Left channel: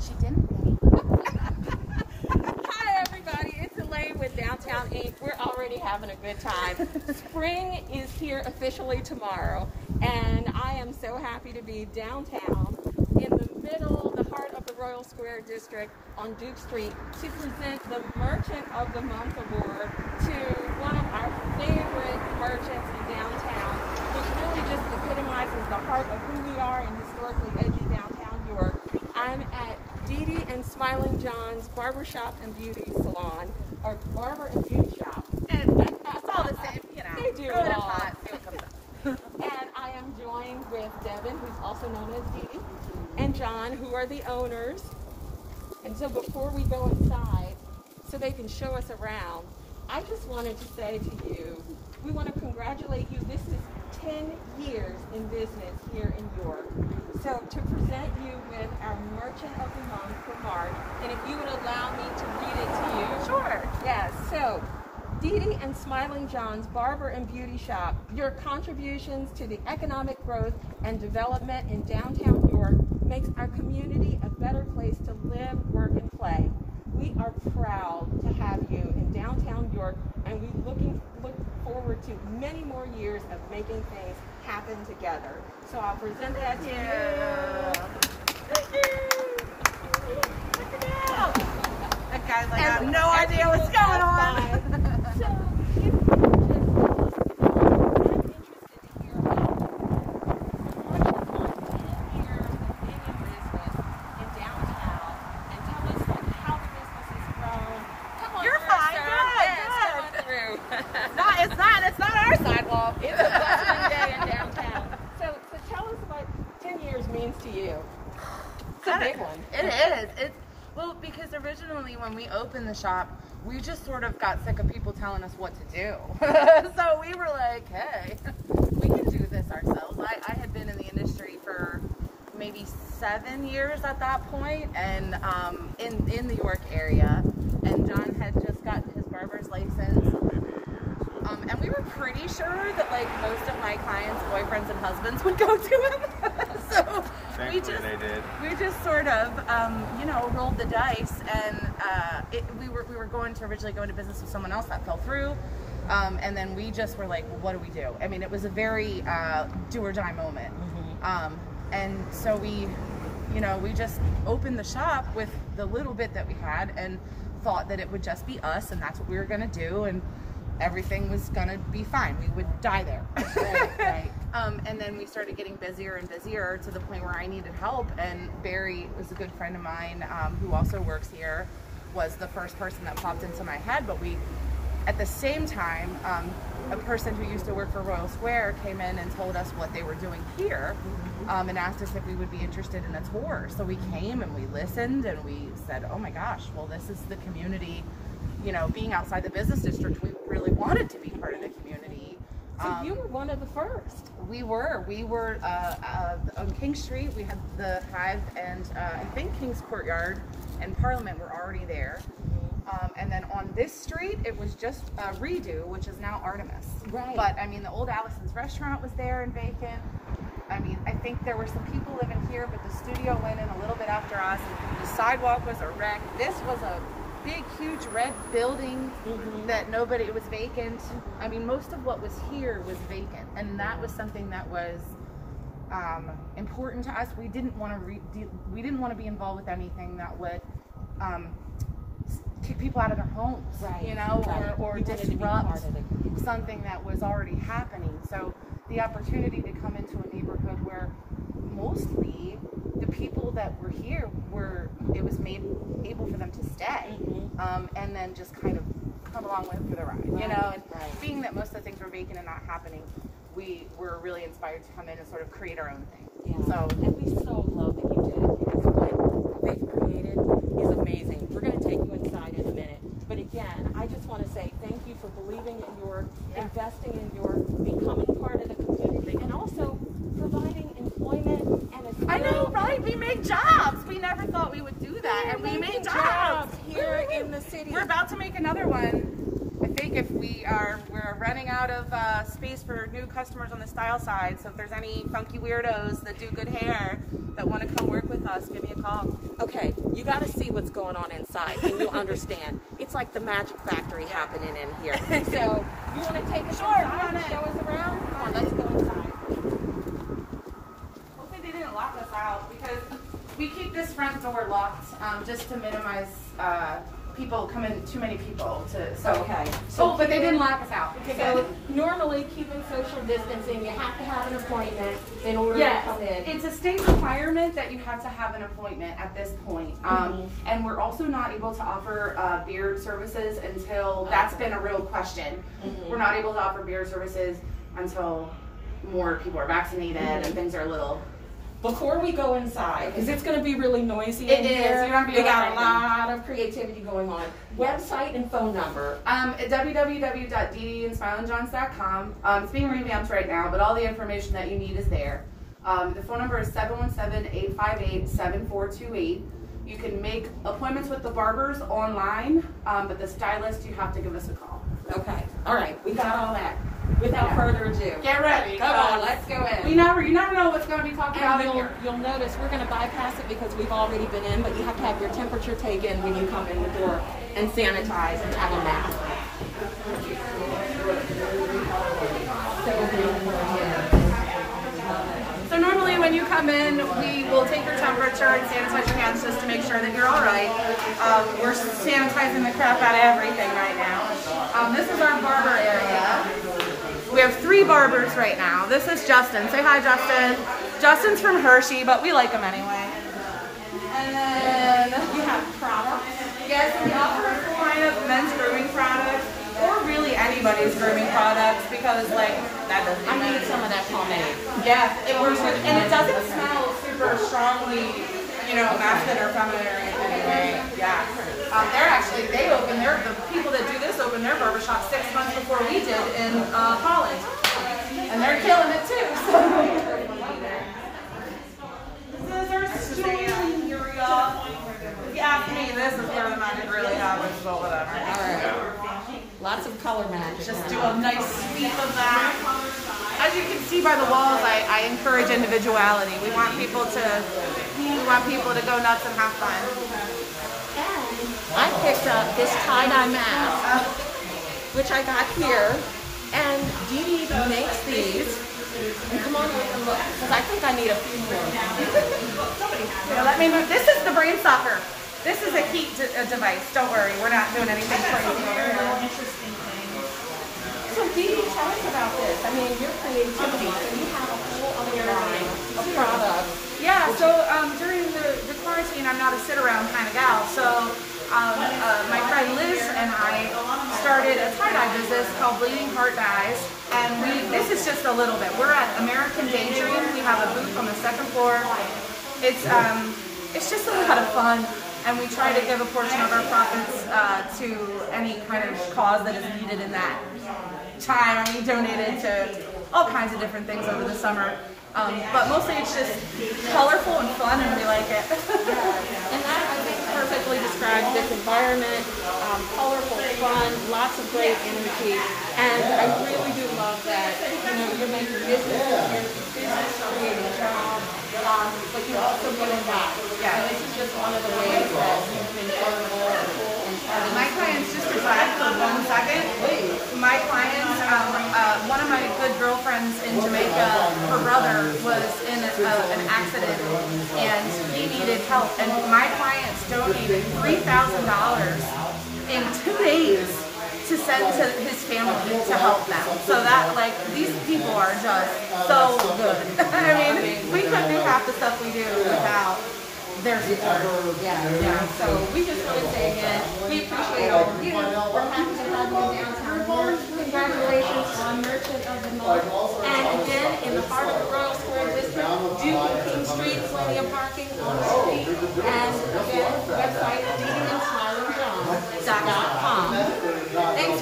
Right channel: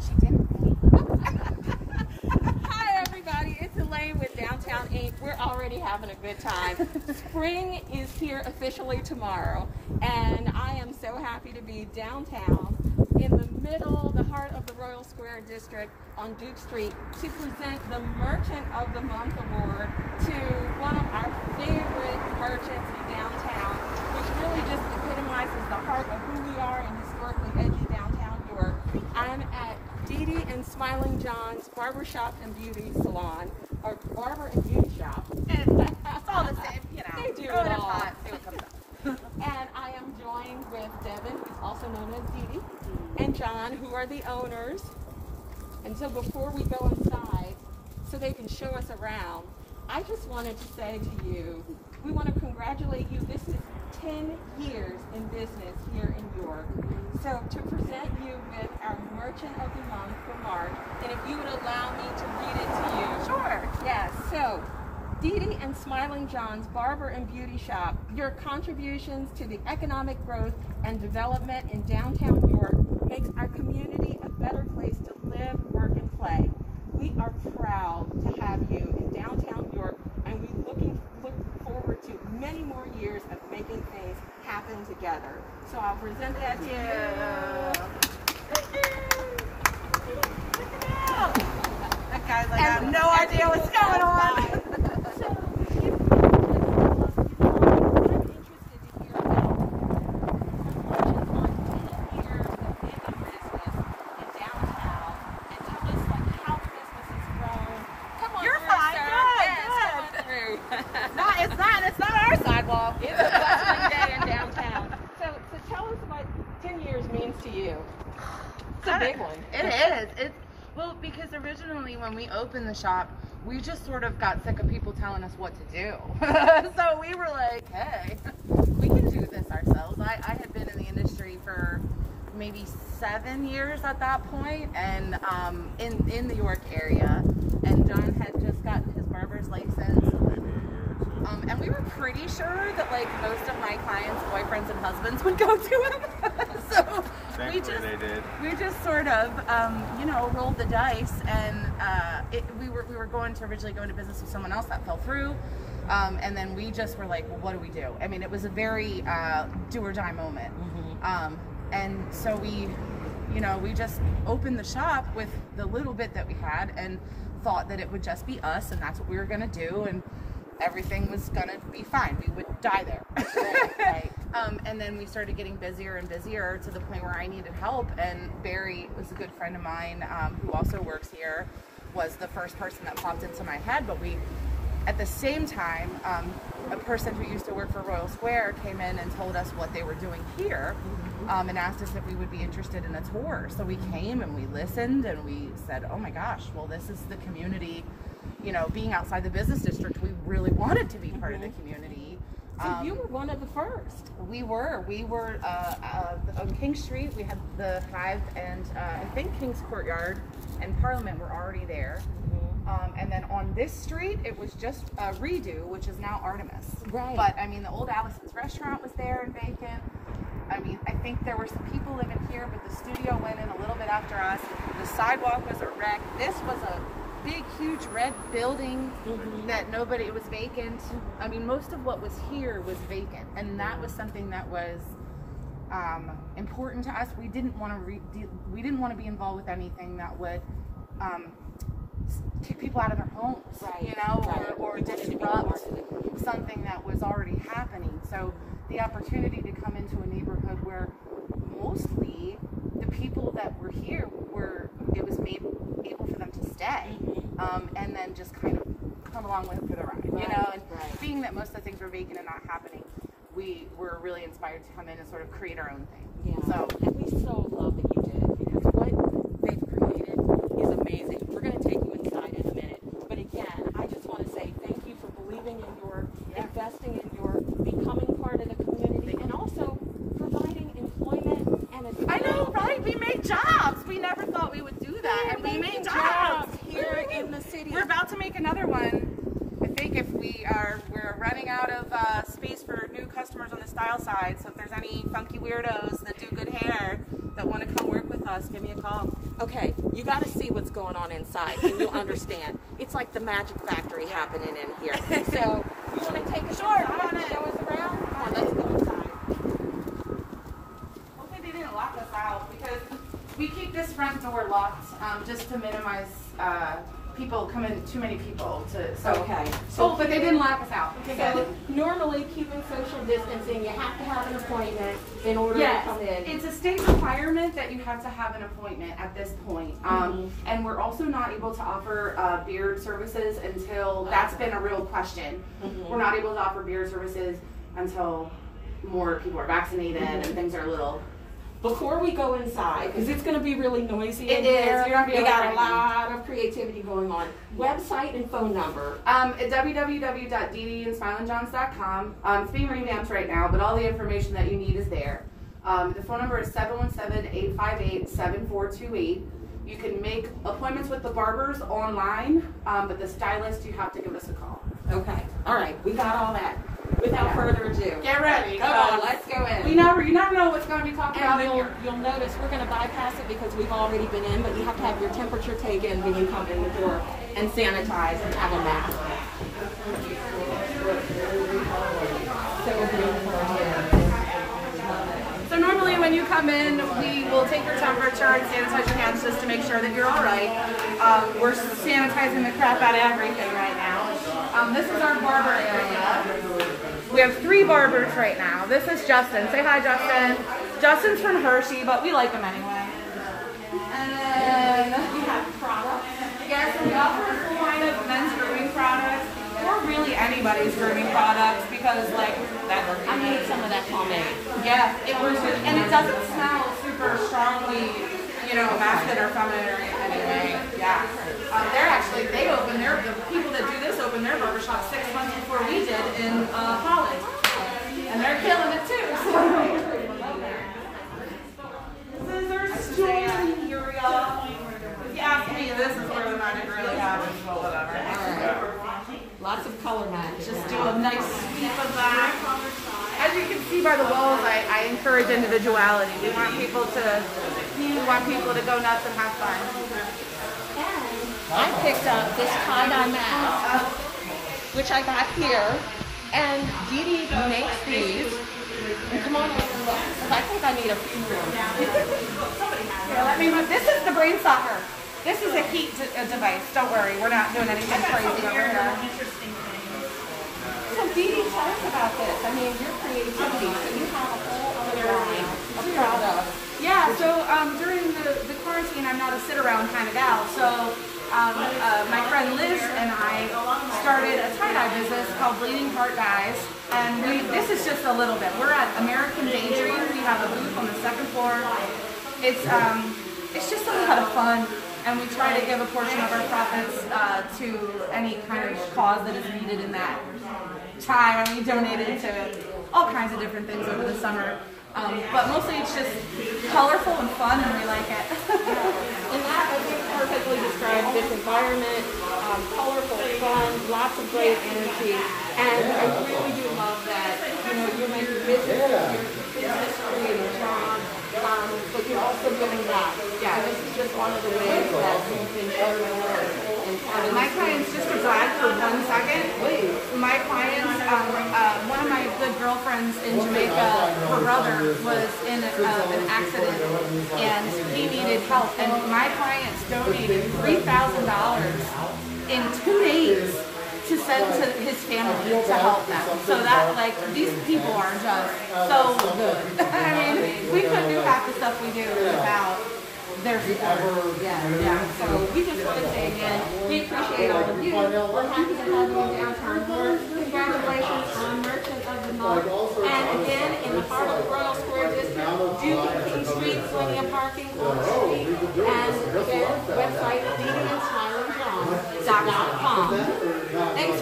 She didn't. Hi everybody, it's Elaine with Downtown Inc. We're already having a good time. Spring is here officially tomorrow, and I am so happy to be downtown in the middle, the heart of the Royal Square District on Duke Street to present the Merchant of the Month Award to one of our favorite merchants downtown, which really just epitomizes the heart of who we are in historically edgy downtown York. I'm at DiDi Smiling John's Barbershop and Beauty Salon, or Barber and Beauty Shop. And it's all the same, you know. They do it all. And I am joined with Devin, who's also known as DiDi, and John, who are the owners. And so before we go inside, so they can show us around, I just wanted to say to you, we want to congratulate you. This is 10 years in business here in York. So to present you with our Merchant of the Month for March, and if you would allow me to read it to you. Sure. Yes, so DiDi Smiling John's Barber and Beauty Shop, your contributions to the economic growth and development in downtown York makes our community a better place to live, work, and play. We are proud to have you in downtown York, and we look forward to many more years of making things happen together. So I'll present that to you. Thank you. Guys, I have no idea what's going on. It's not our sidewalk. It's a bustling day in downtown. So tell us what 10 years means to you. It's a big one. It is. Well, because originally when we opened the shop, we just sort of got sick of people telling us what to do. So we were like, hey, we can do this ourselves. I had been in the industry for maybe 7 years at that point, and in the York area, and John had just gotten his barber's license. And we were pretty sure that like most of my clients' boyfriends and husbands would go to him. So we just sort of you know, rolled the dice, and we were going to originally go into business with someone else. That fell through, and then we just were like, well, what do we do? I mean, it was a very do or die moment. And so we just opened the shop with the little bit that we had, and thought that it would just be us, and that's what we were gonna do, and everything was gonna be fine. We would die there. Right. And then we started getting busier and busier to the point where I needed help, and Barry was a good friend of mine who also works here, was the first person that popped into my head. But we, at the same time, a person who used to work for Royal Square came in and told us what they were doing here, and asked us if we would be interested in a tour. So we came and we listened, and we said, oh my gosh, well, this is the community. You know, being outside the business district, we really wanted to be part of the community. So you were one of the first. We were on King Street. We had the Hive, and I think King's Courtyard and Parliament were already there. And then on this street, it was just Redo, which is now Artemis. Right. But I mean, the old Allison's restaurant was there and vacant. I mean, I think there were some people living here, but the studio went in a little bit after us. The sidewalk was a wreck. This was a big, huge red building that it was vacant. I mean, most of what was here was vacant, and that was something that was important to us. We didn't want to be involved with anything that would kick people out of their homes, you know, or disrupt something that was already happening. So the opportunity to come into a neighborhood where mostly the people that were here it was made able for them to stay, and then just kind of come along with it for the ride, you know. And being that most of the things were vacant and not happening, we were really inspired to come in and sort of create our own thing. So, and we so love that you did it, because what they've created is amazing. We're going to take you inside in a minute, but again, I just want to say thank you for believing in your, investing in your, becoming part of the community, and also providing employment and a I know, right? We made jobs. We never thought we would do that, and we made jobs here in the city. We're about to make another one. I think if we're running out of space for new customers on the style side, so if there's any funky weirdos that do good hair that want to come work with us, give me a call. Okay, You got to see what's going on inside, and you'll understand. It's like the magic factory happening in here. So you want to take a short and show us around? Come on, let's go inside. Okay, they didn't lock us out because we keep this front door locked just to minimize people coming, too many people to. So, okay. So, but they didn't lock us out. So normally, keeping social distancing, you have to have an appointment in order to come in. It's a state requirement that you have to have an appointment at this point. And we're also not able to offer beard services until that's been a real question. We're not able to offer beard services until more people are vaccinated and things are a little. Before we go inside, because it's going to be really noisy in here. We got a lot of creativity going on. Website and phone number. www.DiDiSmilingJohns.com. It's being revamped right now, but all the information that you need is there. The phone number is 717-858-7428. You can make appointments with the barbers online, but the stylist, you have to give us a call. Okay. All right. We got all that. Without further ado, get ready. Come on, let's go in. You never know what's going to be talked about in here. You'll notice we're going to bypass it because we've already been in, but you have to have your temperature taken when you come in the door and sanitize and have a mask. So normally when you come in, we will take your temperature and sanitize your hands just to make sure that you're all right. We're sanitizing the crap out of everything right now. This is our barber area. We have 3 barbers right now. This is Justin. Say hi, Justin. Justin's from Hershey, but we like him anyway. And then we have products. Yes, and we offer a full line of men's grooming products, or really anybody's grooming products, because like that doesn't. I need some of that pomade. Yeah, it works good, and it doesn't smell super strongly, you know, masculine or feminine or anyway. Yeah. The people that do this open their barbershop 6 months before we did in Holland, and they're killing it too. Scissors, stool, here we go. If you ask me, this is where the magic really happens, but whatever. All right. Lots of color magic. Just do a nice sweep of that. As you can see by the walls, I encourage individuality. We want people to go nuts and have fun. I picked up this tie-dye mask, which I got here, and DiDi makes these. And come on over and look, because I think I need a few more. Yeah, let me know. This is the brain sucker. This is a heat device. Don't worry, we're not doing anything crazy over here. So DiDi, tell us about this. I mean, your creativity. You have a whole other line of products. Yeah, so during the quarantine, I'm not a sit-around kind of gal, so my friend Liz and I started a tie-dye business called Bleeding Heart Dyes, and this is just a little bit. We're at American Daydream. We have a booth on the 2nd floor. It's just a lot of fun, and we try to give a portion of our profits to any kind of cause that is needed in that time. I mean, we donated to all kinds of different things over the summer. But mostly it's just colorful and fun, and we like it. And that, I think, perfectly describes this environment. Colorful, fun, lots of great energy. And I really do love that, you know, you're making business, creating a job, but you're also giving back. Yeah, and this is just one of the ways that you've been going and my clients, just to brag for 1 second, my clients, one of my good girlfriends in Jamaica, her brother was in an accident and he needed help, and my clients donated $3,000 in 2 days to send to his family to help them. So that, like, these people are just so good. I mean, we couldn't do half the stuff we do without their support. Yeah. So we just want to say again, we appreciate all of you. We're happy to have you downtown. Congratulations on Merchant of the Month. And again, in the heart of the Royal Square District, do King Street, plenty of parking on the street. And again, website DiDiSmilingJohn.com. Thanks,